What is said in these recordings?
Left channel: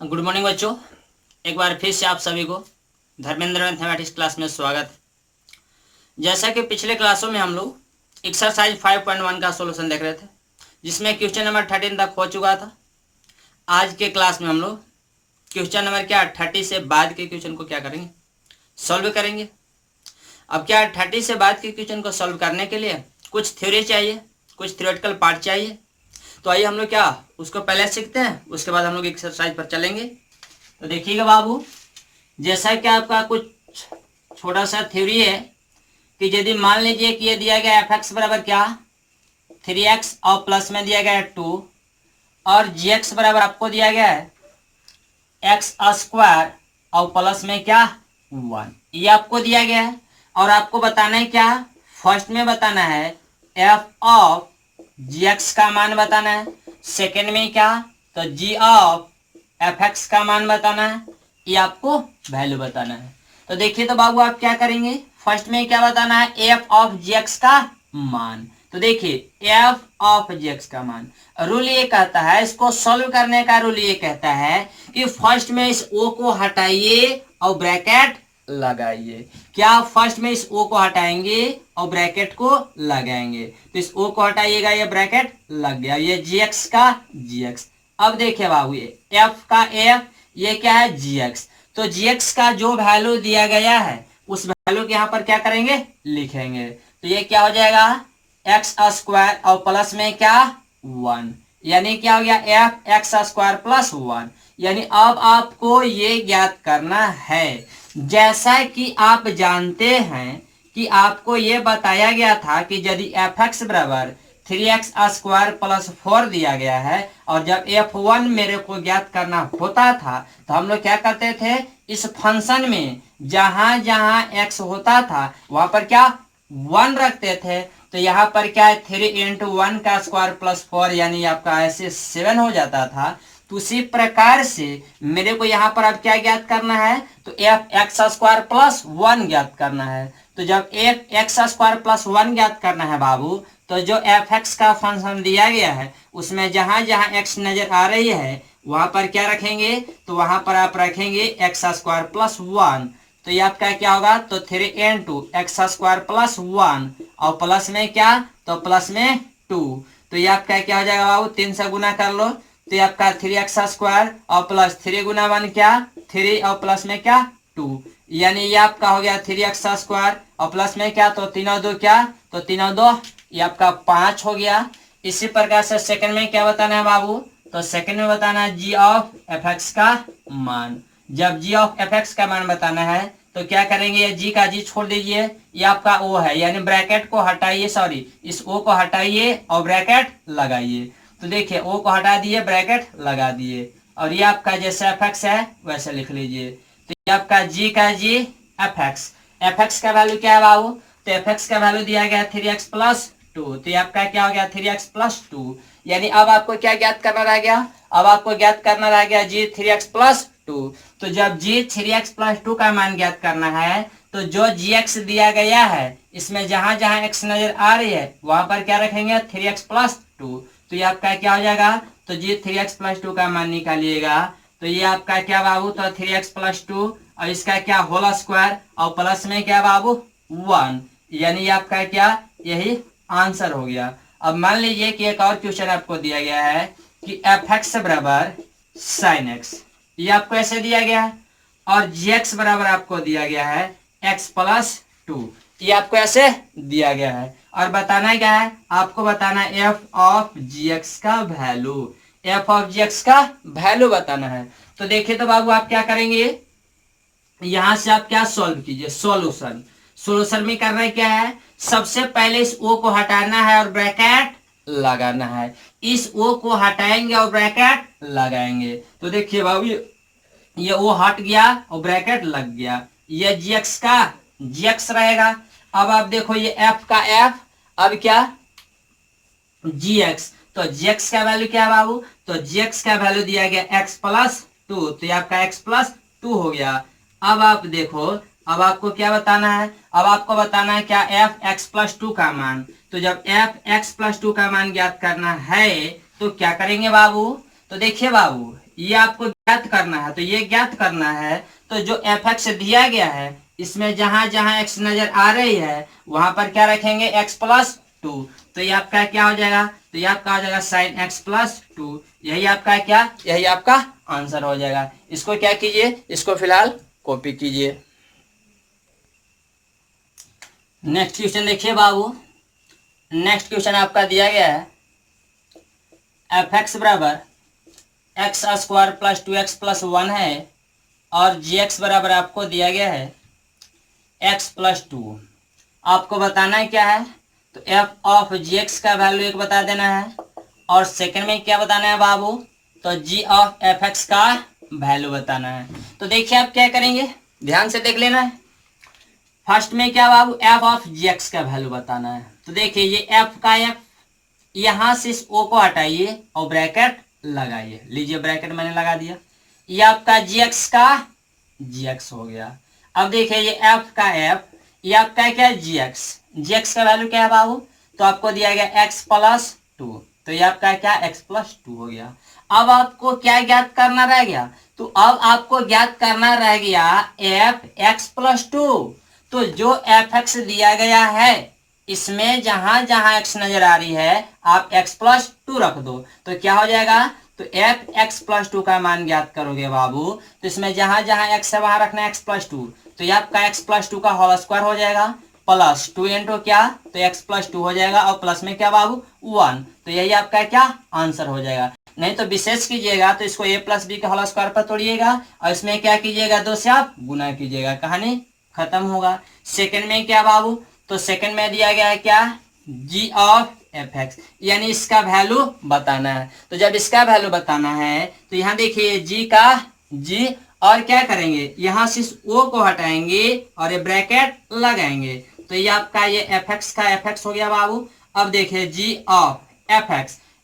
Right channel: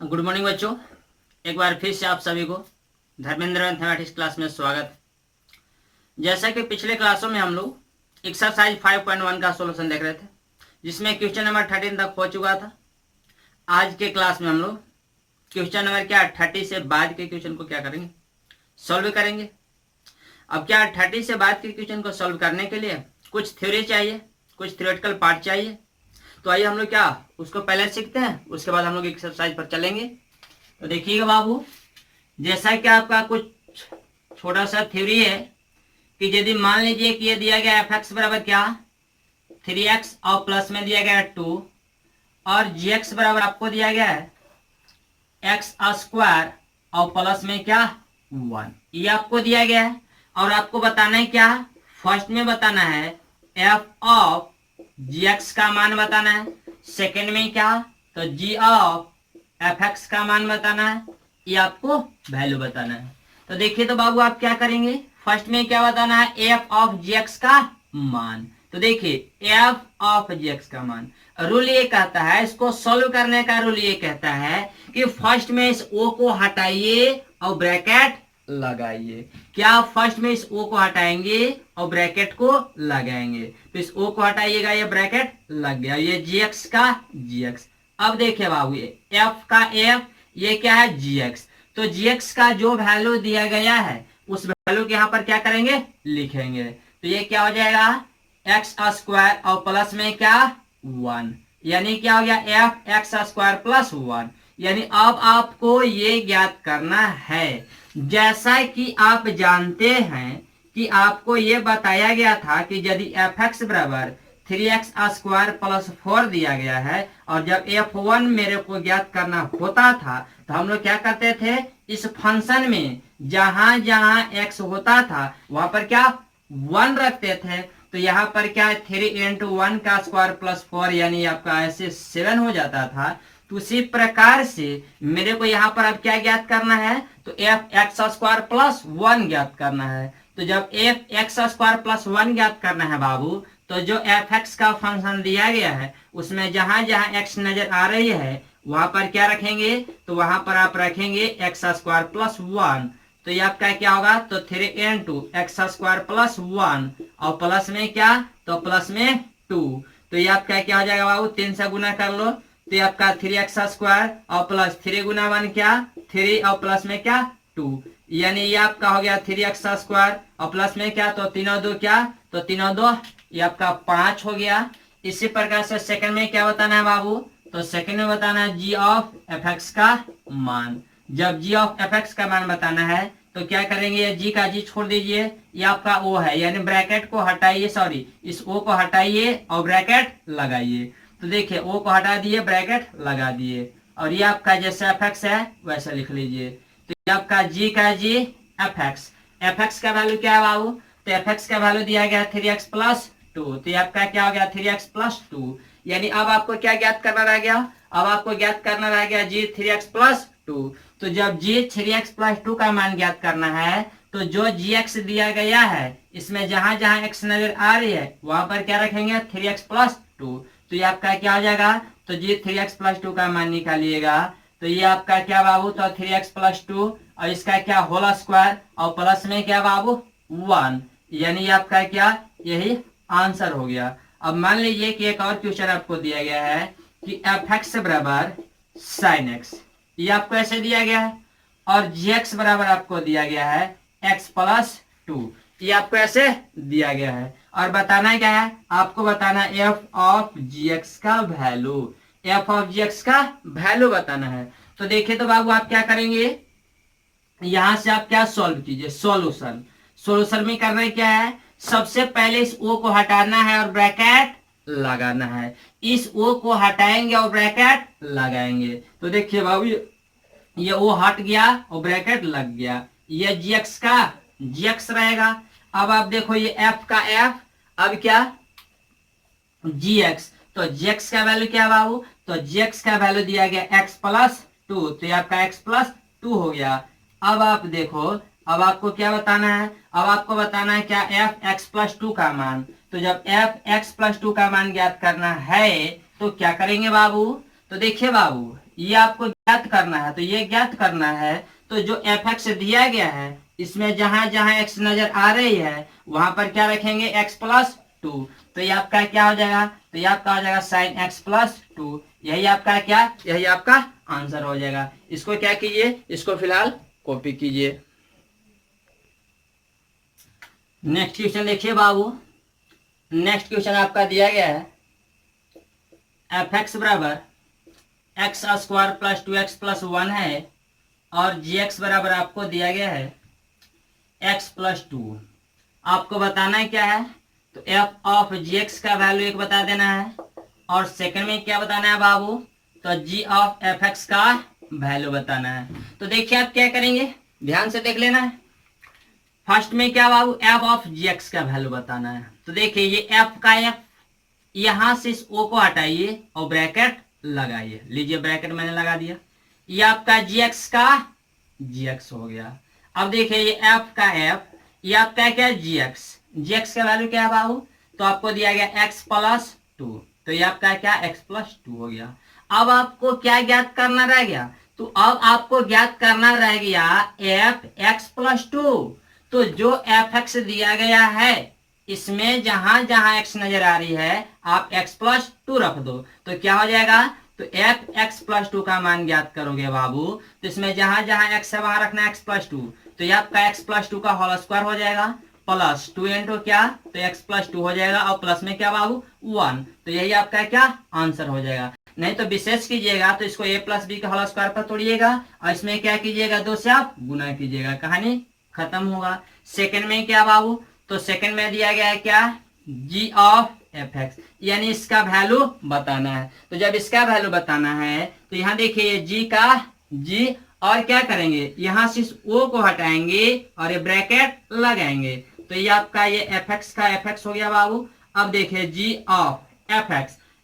Good morning बच्चों। एक बार फिर से आप सभी को धर्मेंद्र मैथमेटिक्स क्लास में स्वागत। जैसा कि पिछले क्लासों में हम लोग एक्सरसाइज 5.1 का सॉल्यूशन देख रहे थे, जिसमें क्वेश्चन नंबर 13 तक हो चुका था। आज के क्लास में हम लोग क्वेश्चन नंबर 30 से बाद के क्वेश्चन को क्या करेंगे, सॉल्व करेंगे। अब 30 से बाद के क्वेश्चन को सॉल्व करने के लिए कुछ थ्योरी चाहिए, कुछ थ्योरेटिकल पार्ट चाहिए। तो आइए हम लोग उसको पहले सीखते हैं, उसके बाद हम लोग एक्सरसाइज पर चलेंगे। तो देखिएगा बाबू, जैसा कि आपका कुछ छोटा सा थ्योरी है कि यदि मान लीजिए कि ये दिया गया एफ एक्स बराबर 3x और प्लस में दिया गया है 2 और जी एक्स बराबर आपको दिया गया है एक्स स्क्वायर और प्लस में 1, ये आपको दिया गया है। और आपको बताना है फर्स्ट में बताना है एफ ऑफ जी एक्स का मान बताना है, सेकेंड में तो जी ऑफ एफ एक्स का मान बताना है, ये आपको वैल्यू बताना है। तो देखिए तो बाबू आप क्या करेंगे, फर्स्ट में क्या बताना है, एफ ऑफ जी एक्स का मान। तो देखिए एफ ऑफ जी एक्स का मान, रूल ये कहता है, इसको सॉल्व करने का रूल ये कहता है कि फर्स्ट में इस ओ को हटाइए और ब्रैकेट लगाइए। क्या फर्स्ट में इस ओ को हटाएंगे और ब्रैकेट को लगाएंगे, तो इस ओ को हटाइएगा, ये ब्रैकेट लग गया, ये जी एक्स का जी एक्स। अब देखिए बाबू, ये एफ का एफ, ये क्या है जी एक्स। तो जी एक्स का जो वैल्यू दिया गया है उस वैल्यू के यहाँ पर क्या करेंगे, लिखेंगे। तो ये क्या हो जाएगा, एक्स स्क्वायर और प्लस में 1, यानी क्या हो गया एफ एक्स स्क्वायर प्लस 1। यानी अब आपको ये ज्ञात करना है, जैसा कि आप जानते हैं कि आपको ये बताया गया था कि यदि एफ एक्स बराबर 3x स्क्वायर प्लस 4 दिया गया है और जब f1 मेरे को ज्ञात करना होता था तो हम लोग क्या करते थे, इस फंक्शन में जहां जहां x होता था वहां पर 1 रखते थे। तो यहाँ पर क्या है, 3 इंटू 1 का स्क्वायर प्लस 4, यानी आपका ऐसे 7 हो जाता था। तो उसी प्रकार से मेरे को यहाँ पर अब क्या ज्ञात करना है, तो एफ एक्स स्क्वायर प्लस 1 ज्ञात करना है। तो जब एफ एक्स स्क्वायर प्लस 1 ज्ञात करना है बाबू, तो जो एफ एक्स का फंक्शन दिया गया है उसमें जहां जहां एक्स नजर आ रही है वहां पर क्या रखेंगे, तो वहां पर आप रखेंगे एक्स स्क्वायर प्लस 1। तो ये आपका क्या होगा, तो 3 इंटू एक्स स्क्वायर प्लस 1 और प्लस में तो प्लस में 2। तो ये आपका क्या हो जाएगा बाबू, 3 से गुना कर लो, तो ये आपका 3x स्क्वायर और प्लस 3 गुना 1 3 और प्लस में 2, यानी ये आपका हो गया 3x स्क्वायर और प्लस में तो 3 और 2 तो 3 और 2 ये आपका 5 हो गया। इसी प्रकार से सेकंड में क्या बताना है बाबू, तो सेकंड में बताना है जी ऑफ एफ एक्स का मान। जब जी ऑफ एफ एक्स का मान बताना है तो क्या करेंगे, ये जी का जी छोड़ दीजिए, ये आपका ओ है, यानी ब्रैकेट को हटाइए, सॉरी इस ओ को हटाइए और ब्रैकेट लगाइए। तो देखिए ओ को हटा दिए, ब्रैकेट लगा दिए, और ये आपका जैसे एफ एक्स है वैसे लिख लीजिए। तो ये आपका जी का जी एफ एक्स का वैल्यू क्या है बाबू, तो एफ एक्स का वैल्यू दिया गया 3x प्लस 2। तो ये आपका क्या हो गया 3x प्लस 2। यानी अब आपको क्या ज्ञात करना रह गया, अब आपको ज्ञात करना रह गया जी 3x प्लस 2। तो जब जी 3x प्लस 2 का मान ज्ञात करना है तो जो gx दिया गया है इसमें जहां जहां x नजर आ रही है वहां पर क्या रखेंगे 3x प्लस 2। तो ये आपका क्या हो जाएगा, तो जी 3x प्लस 2 का मान निकालिएगा। तो ये आपका क्या बाबू, तो 3x प्लस 2 और इसका क्या होल स्क्वायर और प्लस में बाबू 1, यानी आपका यही आंसर हो गया। अब मान लीजिए कि एक और क्वेश्चन आपको दिया गया है कि एफ एक्स बराबर साइन एक्स, ये आपको ऐसे दिया गया है, और जी एक्स बराबर आपको दिया गया है एक्स प्लस 2, ये आपको ऐसे दिया गया है। और बताना क्या है, आपको बताना है एफ ऑफ जी एक्स का value, F of G X का वैल्यू बताना है। तो देखिए तो बाबू आप क्या करेंगे, यहां से आप सॉल्व कीजिए, सोल्यूशन में करना है क्या है, सबसे पहले इस ओ को हटाना है और ब्रैकेट लगाना है। इस ओ को हटाएंगे और ब्रैकेट लगाएंगे। तो देखिए बाबू ये ओ हट गया और ब्रैकेट लग गया, ये जीएक्स का जीएक्स रहेगा। अब आप देखो ये एफ का एफ, अब जीएक्स, तो जीएक्स का वैल्यू क्या है बाबू, तो जीएक्स का वैल्यू दिया गया एक्स प्लस 2, तो ये आपका एक्स प्लस 2 हो गया। अब आप देखो, अब आपको क्या बताना है, अब आपको बताना है एफ एक्स प्लस 2 का मान। तो जब एफ एक्स प्लस 2 का मान ज्ञात करना है तो क्या करेंगे बाबू, तो देखिए बाबू, ये आपको ज्ञात करना है, तो ये ज्ञात करना है, तो जो एफ एक्स दिया गया है इसमें जहां जहां एक्स नजर आ रही है वहां पर क्या रखेंगे, एक्स प्लस टू। तो ये आपका क्या हो जाएगा, तो ये आपका हो जाएगा साइन एक्स प्लस टू। यही आपका क्या, यही आपका आंसर हो जाएगा। इसको क्या कीजिए, इसको फिलहाल कॉपी कीजिए। नेक्स्ट क्वेश्चन देखिए बाबू, नेक्स्ट क्वेश्चन आपका दिया गया है एफ एक्स बराबर x square plus two x plus one है और जी एक्स बराबर आपको दिया गया है एक्स प्लस टू। आपको बताना है क्या है, तो एफ ऑफ जी एक्स का वैल्यू एक बता देना है और सेकंड में क्या बताना है बाबू, तो जी ऑफ एफ एक्स का वैल्यू बताना है। तो देखिए आप क्या करेंगे, ध्यान से देख लेना है। फर्स्ट में क्या बाबू, एफ ऑफ जी एक्स का वैल्यू बताना है। तो देखिए ये एफ का एफ, यहां से इस ओ को हटाइए और ब्रैकेट लगाइए। लीजिए ब्रैकेट मैंने लगा दिया। ये आपका जी एक्स का जी एक्स हो गया। अब देखिए ये एफ का एफ, ये आपका क्या, जी एक्स का वैल्यू क्या है बाबू, तो आपको दिया गया एक्स प्लस टू। तो ये आपका क्या, एक्स प्लस टू हो गया। अब आपको क्या ज्ञात करना रह गया, तो अब आपको ज्ञात करना रह गया एफ एक्स प्लस टू। तो जो एफ एक्स दिया गया है इसमें जहां जहां एक्स नजर आ रही है आप एक्स प्लस टू रख दो, तो क्या हो जाएगा, तो एफ एक्स प्लस टू का मान ज्ञात करोगे बाबू। तो इसमें जहां जहां एक्स है वहां रखना एक्स प्लस टू। तो ये आपका एक्स प्लस टू का होल स्क्वायर हो जाएगा प्लस टू इंटू क्या, तो एक्स प्लस टू हो जाएगा और प्लस में क्या बाबू, वन। तो यही आपका क्या आंसर हो जाएगा। नहीं तो विशेष कीजिएगा तो इसको ए प्लस बी के होल स्क्वायर पर तोड़िएगा और इसमें क्या कीजिएगा, दो से आप गुना कीजिएगा, कहानी खत्म होगा। सेकंड में क्या बाबू, तो सेकंड में दिया गया है क्या, जी ऑफ एफ एक्स, यानी इसका वैल्यू बताना है। तो जब इसका वैल्यू बताना है तो यहाँ देखिए जी का जी, और क्या करेंगे, यहाँ से इस ओ को हटाएंगे और ये ब्रैकेट लगाएंगे। तो ये आपका ये एफ एक्स का एफ एक्स हो गया बाबू। अब देखिए जी ऑफ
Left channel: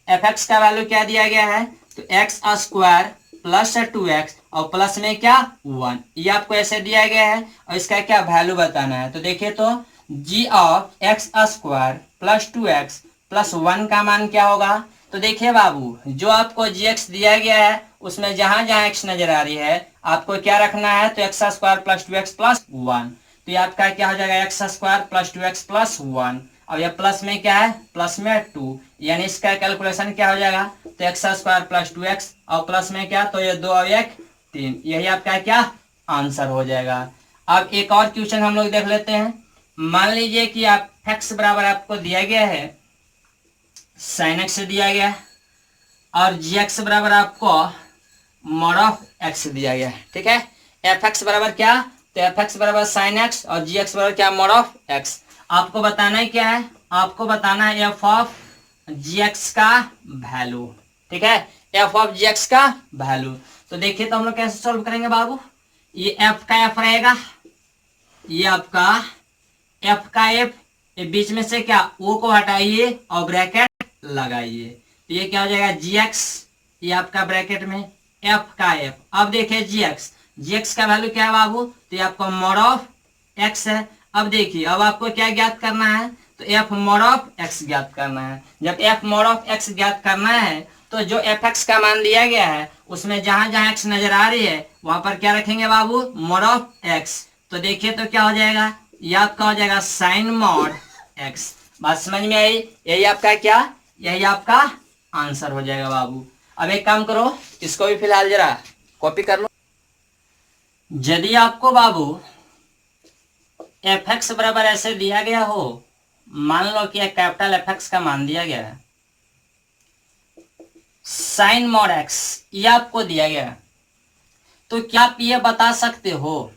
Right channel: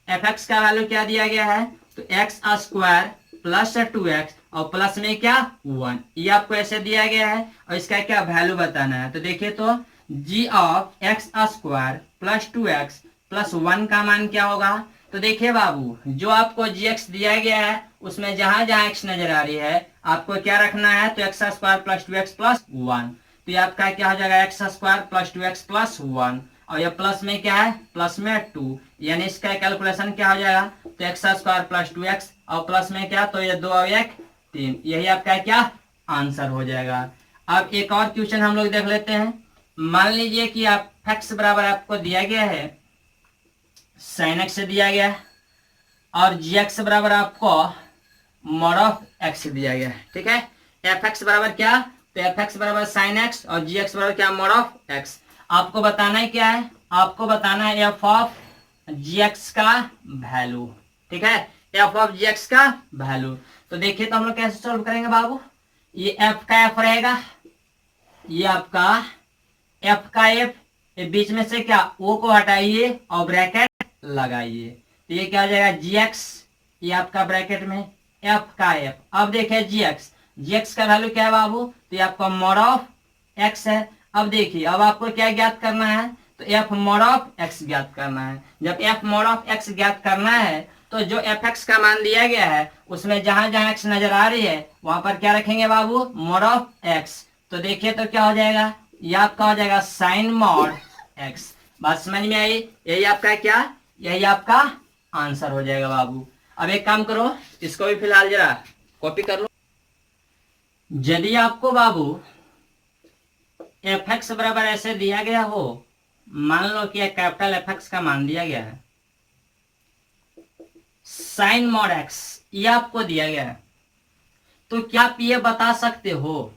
एफ एक्स का वैल्यू क्या दिया गया है, तो x square plus two x और प्लस में क्या, वन। ये आपको ऐसे दिया गया है और इसका क्या वैल्यू बताना है। तो देखिए तो g of x square plus two x plus one का मान क्या होगा, तो देखिए बाबू जो आपको जी एक्स दिया गया है उसमें जहां जहां एक्स नजर आ रही है आपको क्या रखना है, तो x square plus two x plus one. तो ये आपका क्या हो जाएगा, x square plus two x plus one और ये प्लस में क्या है, प्लस में टू, यानी इसका कैलकुलेशन क्या हो जाएगा, तो x square plus two x और प्लस में क्या, तो ये दो और एक तीन, यही आपका क्या आंसर हो जाएगा। अब एक और क्वेश्चन हम लोग देख लेते हैं। मान लीजिए कि आप एक्स बराबर आपको दिया गया है साइन एक्स से दिया गया है और जी एक्स बराबर आपको मॉड ऑफ एक्स दिया गया है, ठीक है। एफ एक्स बराबर क्या, तो एफ एक्स बराबर साइन एक्स और जी एक्स बराबर क्या, मॉड ऑफ एक्स। आपको बताना है क्या है, आपको बताना है एफ ऑफ जी एक्स का वैल्यू, ठीक है, एफ ऑफ जी एक्स का वैल्यू। तो देखिए तो हम लोग कैसे सॉल्व करेंगे बाबू, ये एफ का एफ रहेगा, ये आपका एफ का एफ, ये बीच में से क्या ओ को हटाइए और ब्रैकेट लगाइए। तो ये क्या हो जाएगा, जी एक्स, ये आपका ब्रैकेट में एफ का एफ। अब देखिए जी एक्स का वैल्यू क्या है बाबू, तो ये आपका मॉड ऑफ एक्स है। अब देखिए अब आपको क्या ज्ञात करना है, तो एफ मॉड ऑफ एक्स ज्ञात करना है। जब एफ मॉड ऑफ एक्स ज्ञात करना है तो जो एफ एक्स का मान दिया गया है उसमें जहां जहां एक्स नजर आ रही है वहां पर क्या रखेंगे बाबू, मॉड ऑफ एक्स। तो देखिए तो क्या हो जाएगा, ये आपका हो जाएगा साइन मॉड एक्स। बात समझ में आई, यही आपका क्या, यही आपका आंसर हो जाएगा बाबू। अब एक काम करो, इसको भी फिलहाल जरा कॉपी कर लो। यदि आपको बाबू एफ एक्स बराबर ऐसे दिया गया हो, मान लो कि एक कैपिटल एफ एक्स का मान दिया गया है, साइन मॉड एक्स ये आपको दिया गया है, तो क्या आप ये बता सकते हो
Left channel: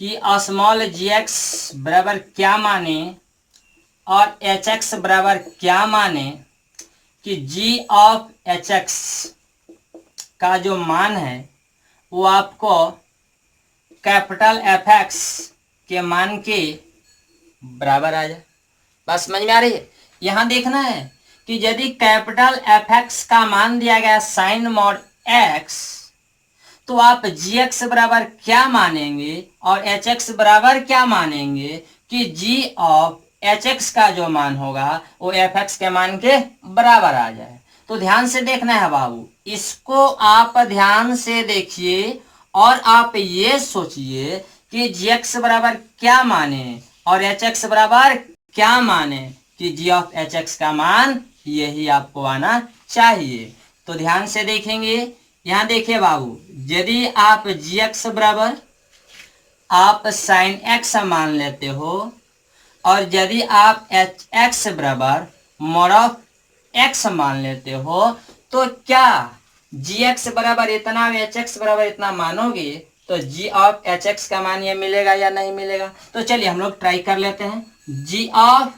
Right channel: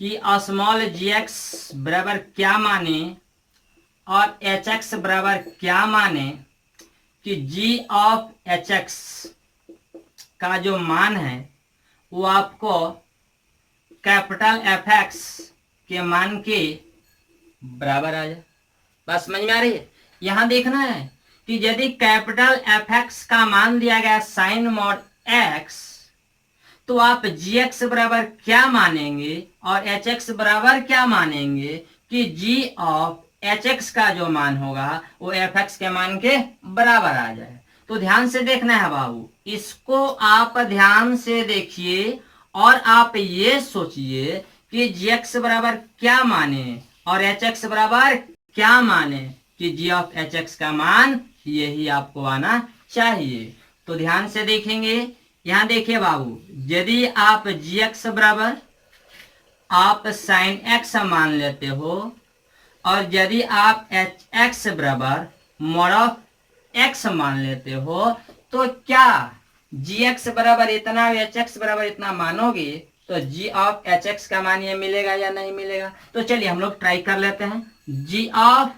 कि स्मॉल जी एक्स बराबर क्या माने और एच एक्स बराबर क्या माने, कि जी ऑफ एच एक्स का जो मान है वो आपको कैपिटल एफ एक्स के मान के बराबर आ जाए। बस समझ में आ रही है, यहां देखना है कि यदि कैपिटल एफ एक्स का मान दिया गया साइन मॉड एक्स तो आप जी एक्स बराबर क्या मानेंगे और एच एक्स बराबर क्या मानेंगे, कि जी ऑफ एच एक्स का जो मान होगा वो एफ एक्स के मान के बराबर आ जाए। तो ध्यान से देखना है बाबू, इसको आप ध्यान से देखिए और आप ये सोचिए कि जी एक्स बराबर क्या माने और एच एक्स बराबर क्या माने, कि जी ऑफ एच एक्स का मान यही आपको आना चाहिए। तो ध्यान से देखेंगे, यहां देखिए बाबू, यदि आप जी एक्स बराबर आप साइन एक्स मान लेते हो और यदि आप एच एक्स बराबर मॉड ऑफ एक्स मान लेते हो, तो क्या जी एक्स बराबर इतना और एच एक्स बराबर इतना मानोगे तो जी ऑफ एच एक्स का मान ये मिलेगा या नहीं मिलेगा। तो चलिए हम लोग ट्राई कर लेते हैं। जी ऑफ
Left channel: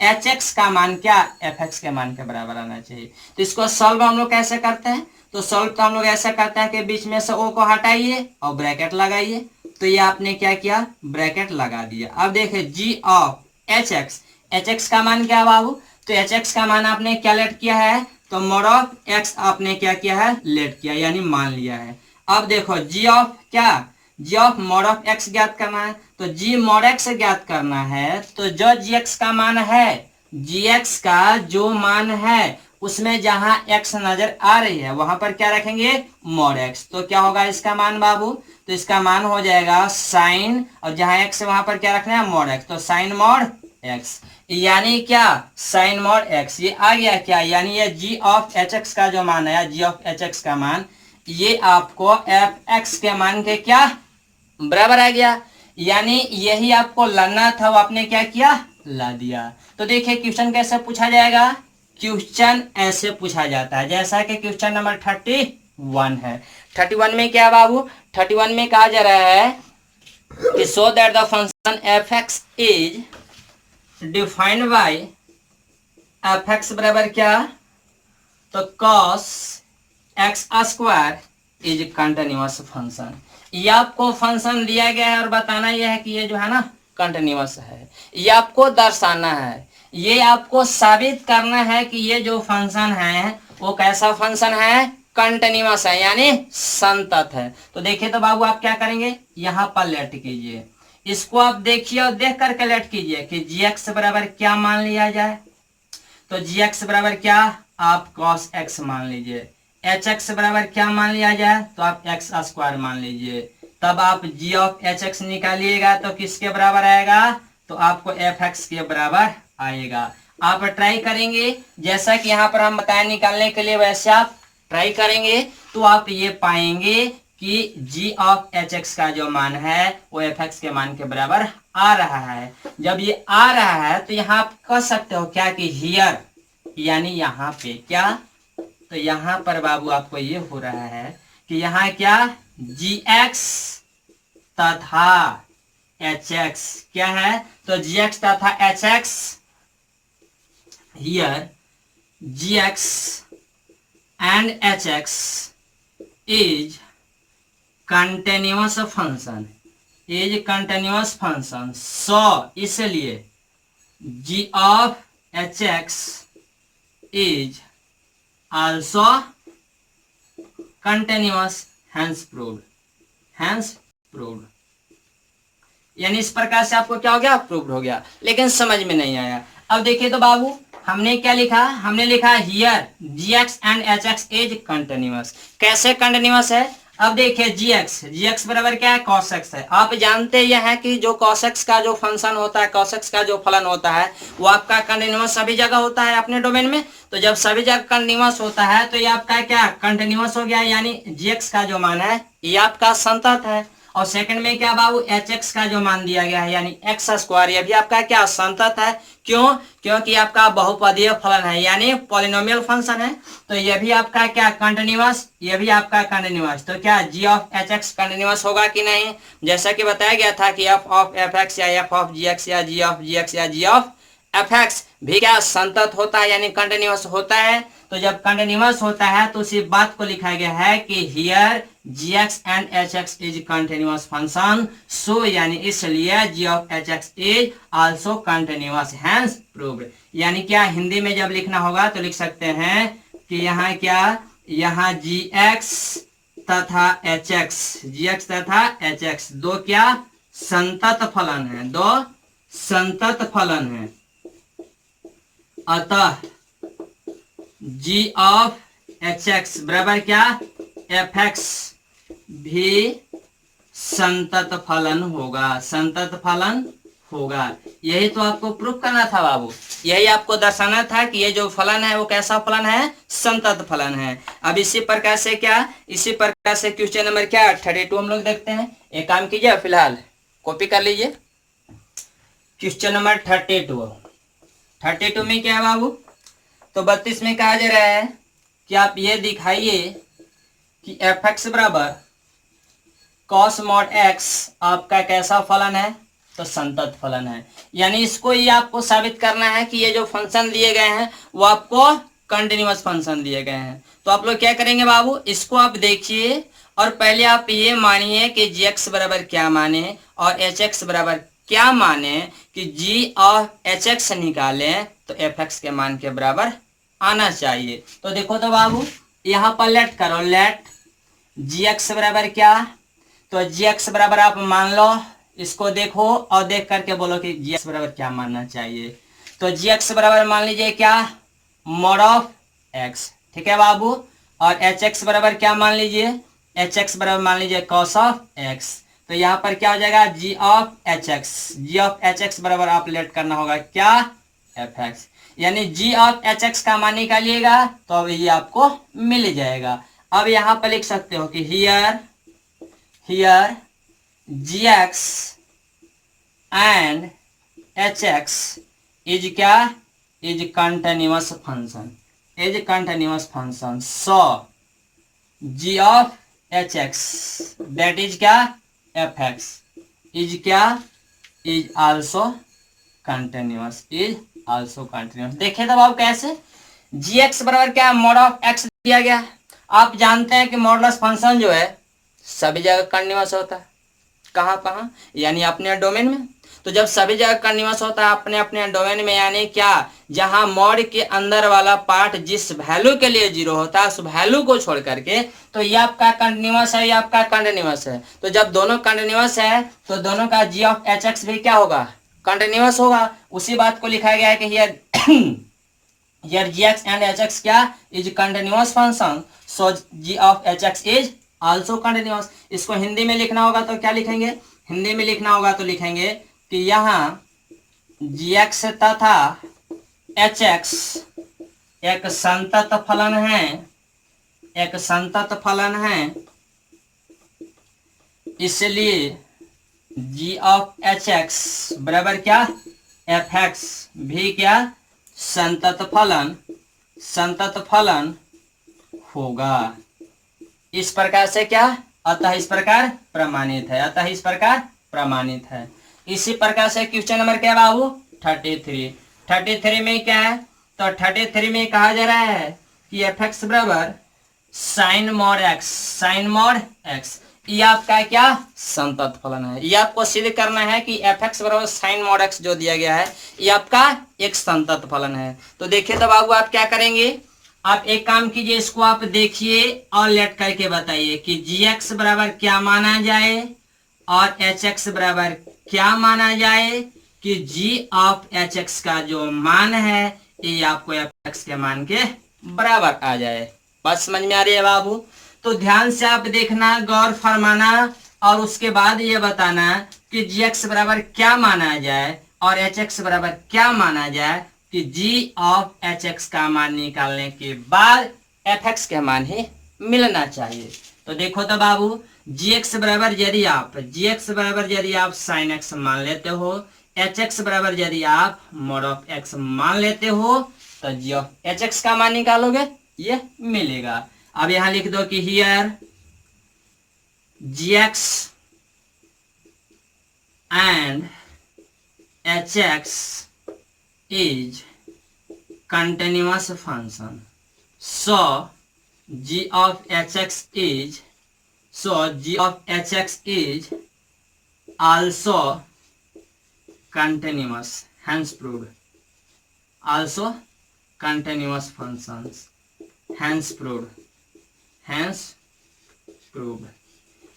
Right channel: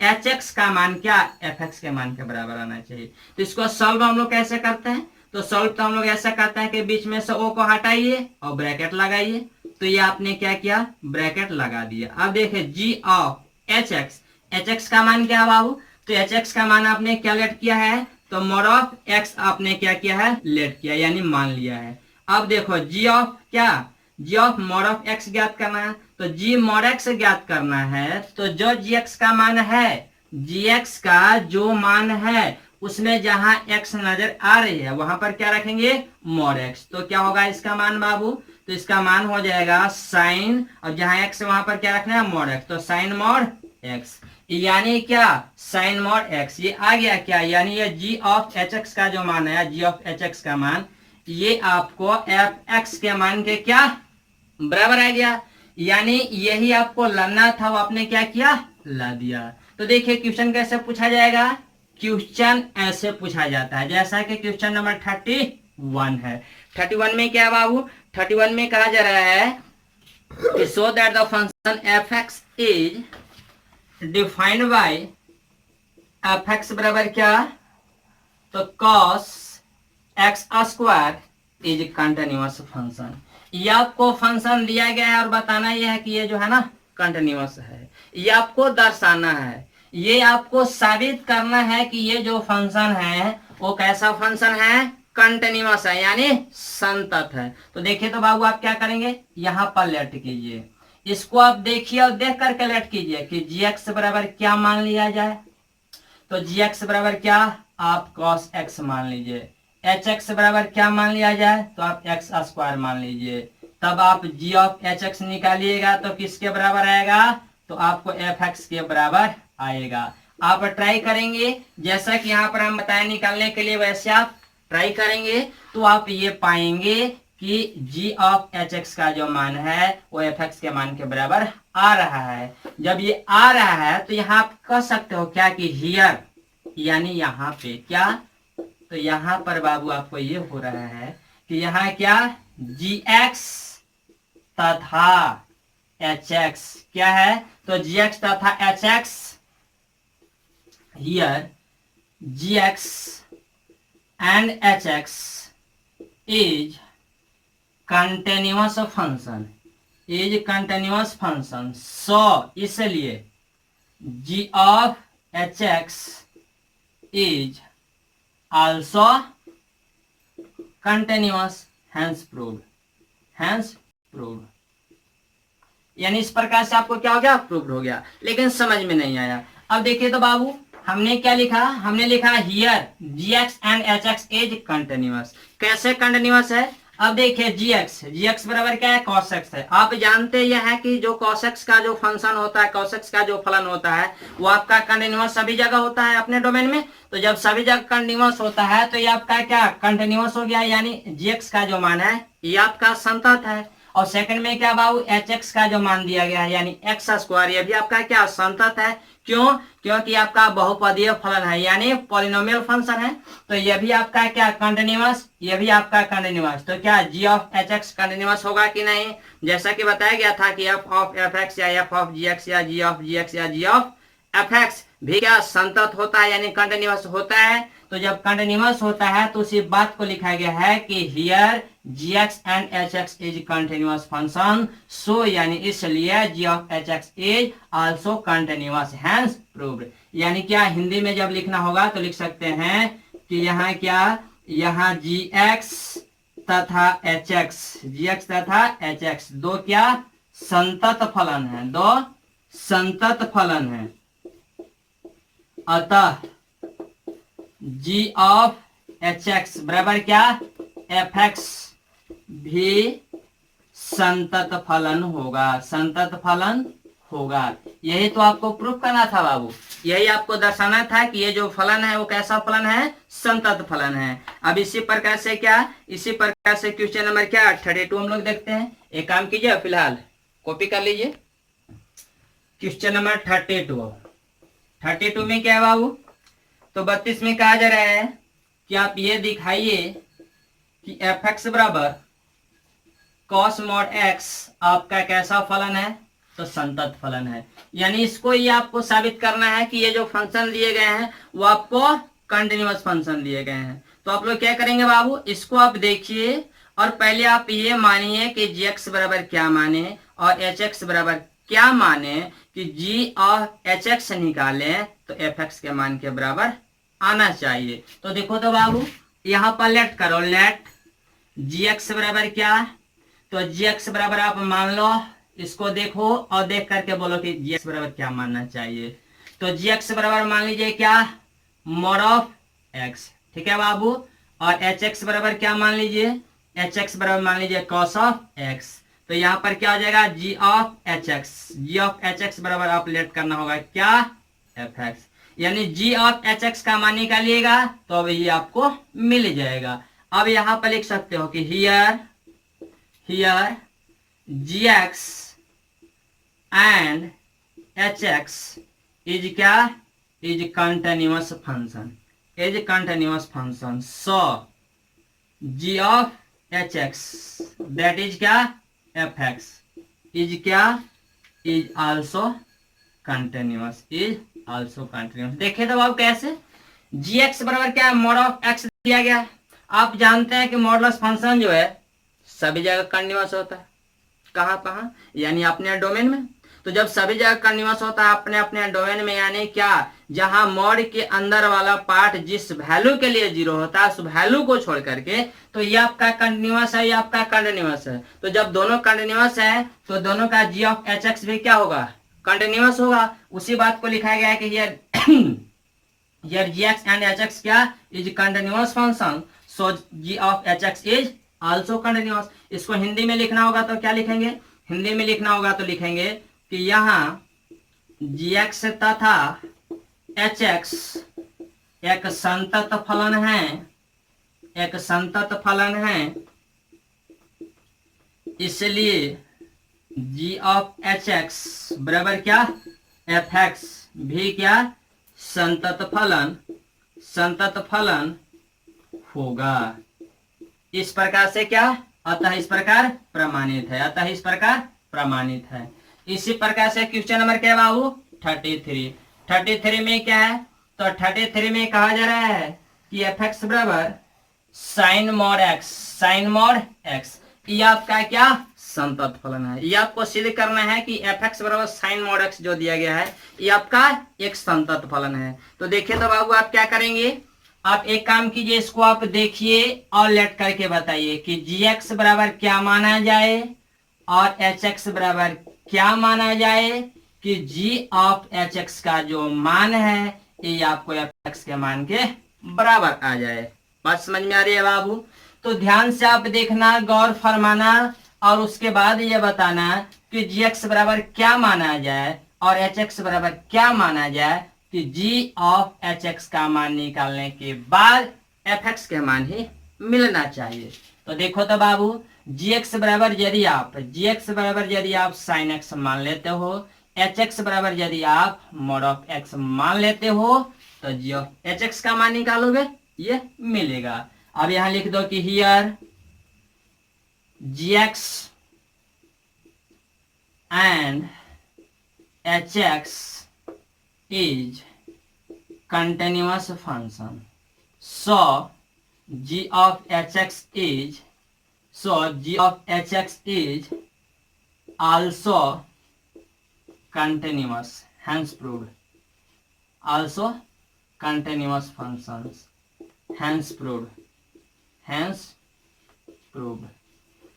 एच एक्स का मान क्या एफ एक्स के मान के बराबर आना चाहिए। तो इसको सॉल्व हम लोग कैसे करते हैं, तो सॉल्व तो हम लोग ऐसा करते हैं कि बीच में से ओ को हटाइए और ब्रैकेट लगाइए। तो ये आपने क्या किया, ब्रैकेट लगा दिया। अब देखिए g of h x, h x का मान क्या है बाबू, तो एच एक्स का मान आपने क्या लेट किया है, तो मॉड ऑफ एक्स आपने क्या किया है, लेट किया यानी मान लिया है। अब देखो जी ऑफ क्या, जी ऑफ मॉड ऑफ एक्स ज्ञात करना है, तो जी मॉड एक्स ज्ञात करना है। तो जो जी एक्स का मान है, जी एक्स का जो मान है उसमें जहां एक्स नजर आ रही है वहां पर क्या रखेंगे, मॉड एक्स। तो क्या होगा इसका मान बाबू, तो इसका मान हो जाएगा साइन, और जहां एक्स वहां पर क्या रखना है, मॉड एक्स। तो साइन मॉड एक्स यानी क्या, साइन मॉड एक्स। ये आ गया क्या, यानी ये जी ऑफ एच एक्स का जो मान है, जी ऑफ एच एक्स का मान ये आपको एफ एक्स के मान के क्या बराबर आ गया। यानी यही आपको लाना था, वो आपने क्या किया, ला दिया। तो देखिए क्वेश्चन कैसे पूछा जाएगा, क्वेश्चन ऐसे पूछा जाता है जैसा कि क्वेश्चन नंबर 31 है। 31 में क्या बाबू, 31 में कहा जा रहा है so that the function F x is defined by F X बराबर क्या, तो cos x square is continuous function. ये आपको फंक्शन दिया गया है और बताना यह है कि ये जो है ना कंटिन्यूअस है। ये आपको दर्शाना है, ये आपको साबित करना है कि ये जो फंक्शन है वो कैसा फंक्शन है, कंटिन्यूअस है यानी संतत है। तो देखिए तो बाबू आप क्या करेंगे, यहाँ पर लेट कीजिए, इसको आप देखिए और देख करके लेट कीजिए कि जी एक्स बराबर क्या मान लिया जाए। तो जी एक्स बराबर क्या, आप cos एक्स मान लीजिए। एच एक्स बराबर क्या मान लिया जाए, तो आप एक्स स्क्वायर मान लीजिए। तब आप जी ऑफ एच एक्स निकालिएगा तो किसके बराबर आएगा, तो आपको एफ एक्स के बराबर आएगा। आप ट्राई करेंगे जैसा कि यहाँ पर हम बताएं निकालने के लिए, वैसे आप ट्राई करेंगे तो आप ये पाएंगे कि जी ऑफ एच एक्स का जो मान है वो एफ एक्स के मान के बराबर आ रहा है। जब ये आ रहा है तो यहाँ आप कह सकते हो क्या कि हियर, यानी यहाँ पे क्या, तो यहाँ पर बाबू आपको ये हो रहा है कि यहाँ क्या, जी एक्स तथा एच एक्स क्या है, तो जी एक्स तथा h x, here ji x and H x is continuous function, is continuous function. So इसलिए g of h x is also continuous, hence proved, hence proved. यानी इस प्रकार से आपको क्या हो गया, प्रूव्ड हो गया। लेकिन समझ में नहीं आया। अब देखिए तो बाबू हमने क्या लिखा, हमने लिखा here ji x and H x is continuous. कैसे कंटिन्यूअस है, अब देखिए जी एक्स बराबर क्या है, cos x है। आप जानते यह है कि जो cos x का जो फंक्शन होता है, cos x का जो फलन होता है वो आपका कंटिन्यूअस सभी जगह होता है अपने डोमेन में। तो जब सभी जगह कंटिन्यूअस होता है तो ये आपका क्या कंटिन्यूअस हो गया, यानी जी एक्स का जो मान है ये आपका संतत है। और सेकंड में क्या बाबू, एच एक्स का जो मान दिया गया है यानी एक्स स्क्वायर, ये भी आपका क्या संतत है। क्यों, क्योंकि आपका बहुपदीय फलन है यानी पॉलिनोमियल फंक्शन है। तो ये भी आपका क्या कंटिन्यूअस, ये भी आपका कंटिन्यूअस। तो क्या जी ऑफ एच एक्स कंटिन्यूअस होगा कि नहीं, जैसा कि बताया गया था कि एफ ऑफ एफ एक्स या एफ ऑफ जी एक्स या जी ऑफ जी एक्स या जी ऑफ एफ एक्स भी क्या संतत होता है यानी कंटिन्यूअस होता है। तो जब कंटिन्यूअस होता है तो उसी बात को लिखा गया है कि here ji x and H x is continuous function, so यानी इसलिए g of h x is also continuous, hence proved. यानी क्या हिंदी में जब लिखना होगा तो लिख सकते हैं कि यहाँ क्या, यहाँ जी एक्स तथा एच एक्स, जी एक्स तथा एच एक्स दो क्या संतत फलन है, दो संतत फलन है। अतः जी ऑफ एच एक्स बराबर क्या, एफ एक्स भी संतत फलन होगा, संतत फलन होगा। यही तो आपको प्रूफ करना था बाबू, यही आपको दर्शाना था कि ये जो फलन है वो कैसा फलन है, संतत फलन है। अब इसी प्रकार से क्या, इसी प्रकार से क्वेश्चन नंबर क्या 32 हम लोग देखते हैं। एक काम कीजिए, फिलहाल कॉपी कर लीजिए क्वेश्चन नंबर 32 में क्या है बाबू, तो 32 में कहा जा रहा है कि आप ये दिखाइए कि एफ एक्स बराबर कॉस मॉड एक्स आपका कैसा फलन है, तो संतत फलन है। यानी इसको ये आपको साबित करना है कि ये जो फंक्शन दिए गए हैं वो आपको कंटिन्यूअस फंक्शन दिए गए हैं। तो आप लोग क्या करेंगे बाबू, इसको आप देखिए और पहले आप ये मानिए कि जी एक्स बराबर क्या माने और एच एक्स बराबर क्या माने कि जी और एच एक्स निकालें तो एफ एक्स के मान के बराबर आना चाहिए। तो देखो तो बाबू यहाँ पर लेट करो, लेट जी एक्स बराबर क्या, तो जी एक्स बराबर आप मान लो, इसको देखो और देख करके बोलो कि जी एक्स बराबर क्या मानना चाहिए। तो जी एक्स बराबर मान लीजिए क्या, मॉड ऑफ एक्स, ठीक है बाबू। और एच एक्स बराबर क्या मान लीजिए, एच एक्स बराबर मान लीजिए कॉस ऑफ एक्स। तो यहाँ पर क्या आ जाएगा, g of h x, g of h x बराबर आप लेट करना होगा क्या, एफ एक्स। यानी जी ऑफ एच एक्स का मान निकालिएगा तो अब ये आपको मिल जाएगा। अब यहाँ पर लिख सकते हो कि here gx and hx is क्या, is continuous function, is continuous function, so g of hx that is क्या, fx is क्या, is also continuous, is also continuous। देखिए तब आप कैसे, gx बराबर क्या, मॉड ऑफ x दिया गया है। आप जानते हैं कि मॉडुलस फंक्शन जो है सभी जगह कंटिन्यूअस होता है, कहाँ कहाँ, यानी अपने डोमेन में। तो जब सभी जगह कंटिन्यूअस होता है अपने अपने डोमेन में, यानी क्या, जहां मॉड के अंदर वाला पार्ट जिस वैल्यू के लिए 0 होता है उस वैल्यू को छोड़ करके, तो ये आपका कंटिन्यूअस है, ये आपका कंटिन्यूअस है। तो जब दोनों कंटिन्यूअस है तो दोनों का जी ऑफ एच एक्स भी क्या होगा, कंटिन्यूअस होगा। उसी बात को लिखा गया है कि here here ji x and H x क्या, is continuous function, so g of h x is also continuous. इसको हिंदी में लिखना होगा तो क्या लिखेंगे, हिंदी में लिखना होगा तो लिखेंगे कि यहाँ जी एक्स तथा एच एक्स एक संतत फलन है, एक संतत फलन है, इसलिए जी ऑफ एच एक्स बराबर क्या, एफ एक्स भी क्या, संतत फलन होगा। इस प्रकार से क्या, अतः इस प्रकार प्रमाणित है, अतः इस प्रकार प्रमाणित है। इसी प्रकार से क्वेश्चन नंबर क्या बाबू 33 में क्या है, तो 33 में कहा जा रहा है कि एफ एक्स बराबर sine mod X, sine mod X, ये आपका क्या, संतत फलन है। ये आपको सिद्ध करना है कि एफ एक्स बराबर साइन मॉड एक्स जो दिया गया है ये आपका एक संतत फलन है। तो देखिए तो बाबू आप क्या करेंगे, आप एक काम कीजिए, इसको आप देखिए और लेट करके बताइए कि जी एक्स बराबर क्या माना जाए और एच एक्स बराबर क्या माना जाए कि जी ऑफ एच एक्स का जो मान है ये आपको एफ एक्स के मान के बराबर आ जाए। बात समझ में आ रही है बाबू। तो ध्यान से आप देखना, गौर फरमाना और उसके बाद ये बताना कि जी एक्स बराबर क्या माना जाए और एच एक्स बराबर क्या माना जाए कि जी ऑफ एच एक्स का मान निकालने के बाद एफ एक्स के मान ही मिलना चाहिए। तो देखो तो बाबू जी एक्स बराबर यदि आप साइन एक्स मान लेते हो, एच एक्स बराबर यदि आप मॉड ऑफ एक्स मान लेते हो, तो जी ऑफ एच एक्स का मान निकालोगे ये मिलेगा। अब यहां लिख दो कि here ji x and H X is continuous function, so g of hx is also continuous, hence proved, also continuous functions, hence proved।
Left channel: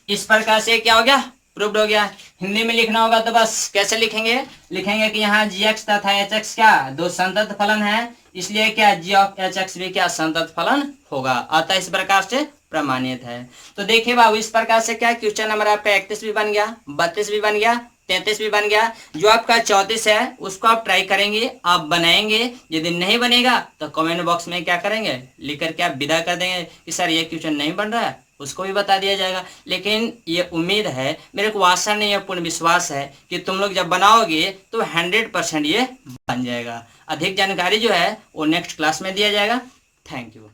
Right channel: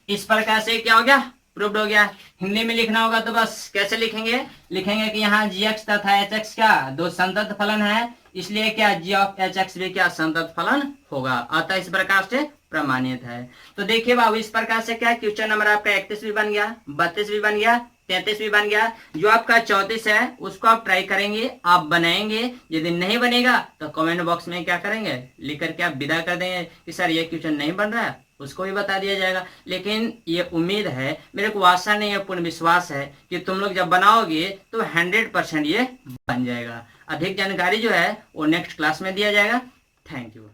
इस प्रकार से क्या हो गया, प्रूव्ड हो गया। हिंदी में लिखना होगा तो बस कैसे लिखेंगे, लिखेंगे कि यहाँ gx तथा hx क्या दो संतत फलन है, इसलिए क्या g ऑफ hx भी क्या संतत फलन होगा, अतः इस प्रकार से प्रमाणित है। तो देखिए बाबू इस प्रकार से क्या क्वेश्चन नंबर आपका 31 भी बन गया, 32 भी बन गया, 33 भी बन गया। जो आपका 34 है उसको आप ट्राई करेंगे, आप बनाएंगे, यदि नहीं बनेगा तो कमेंट बॉक्स में क्या करेंगे, लिख करके आप विदा कर देंगे कि सर ये क्वेश्चन नहीं बन रहा है, उसको भी बता दिया जाएगा। लेकिन ये उम्मीद है, मेरे को आशा नहीं है, पूर्ण विश्वास है कि तुम लोग जब बनाओगे तो 100% ये बन जाएगा। अधिक जानकारी जो है वो नेक्स्ट क्लास में दिया जाएगा। Thank you.